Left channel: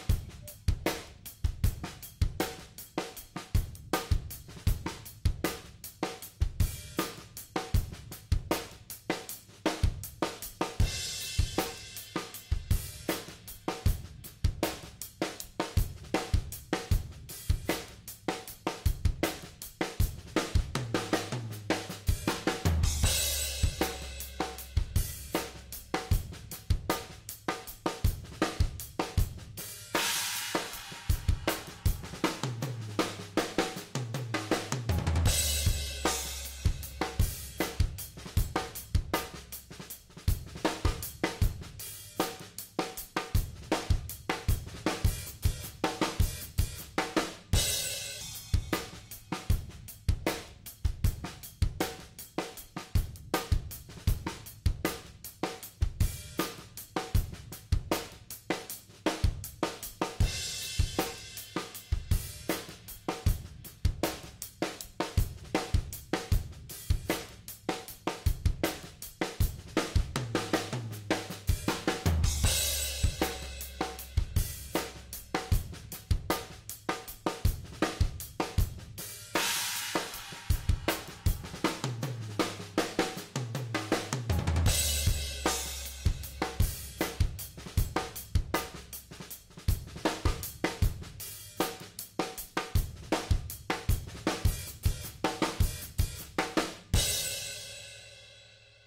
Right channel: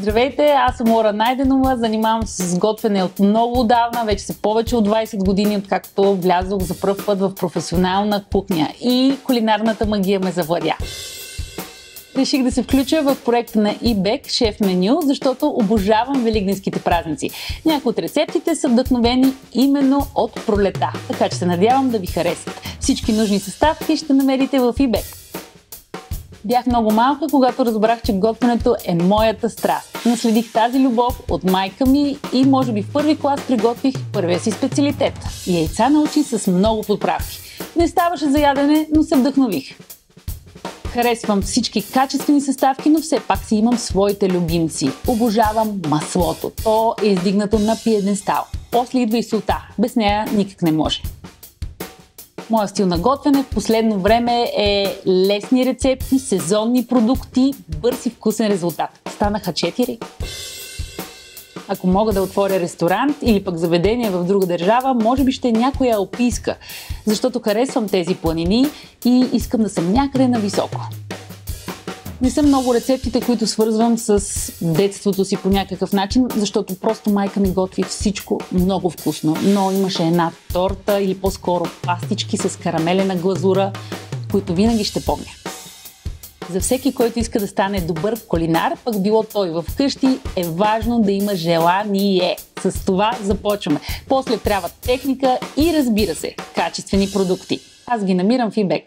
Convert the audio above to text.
Здравейте, аз съм Лора Найденова, занимавам се с готвене от много отдавна, вече са повече от 20 години, откакто влязох за пръв път в професионална кухня и кулинарната магия ме завладя. Реших да се включа в проекта на eBEG Шеф Меню, защото обожавам великденските празници. Някои от рецептите са вдъхновени именно от пролета, така че се надявам да ви харесат. Всички нужни съставки ще намерите в eBEG. Бях много малка, когато разбрах, че готвенето е моята страст. Наследих тази любов от майка ми и може би в първи клас приготвих първия си специалитет – яйца на очи с много подправки. Не ставаше за ядене, но се вдъхнових. Харесвам всички качествени съставки, но все пак си имам своите любимци. Обожавам маслото. То е издигнато на пиедестал. После идва и солта. Без нея никак не може. Моя стил на готвене в последно време е лесни рецепти, сезонни продукти, бърз и вкусен резултат. Станаха 4. Ако мога да отворя ресторант или пък заведение в друга държава, може би ще е някоя алпийска, защото харесвам тези планини и искам да съм някъде нависоко. Не са много рецептите, които свързвам с детството си по някакъв начин, защото просто майка ми готви всичко много вкусно. Но имаше една торта или по-скоро пастички с карамелена глазура, които винаги ще помня. За всеки, който иска да стане добър кулинар, пък било той вкъщи, е важно да има желание. С това започваме. После трябва техника и, разбира се, качествени продукти. Аз ги намирам в eBEG.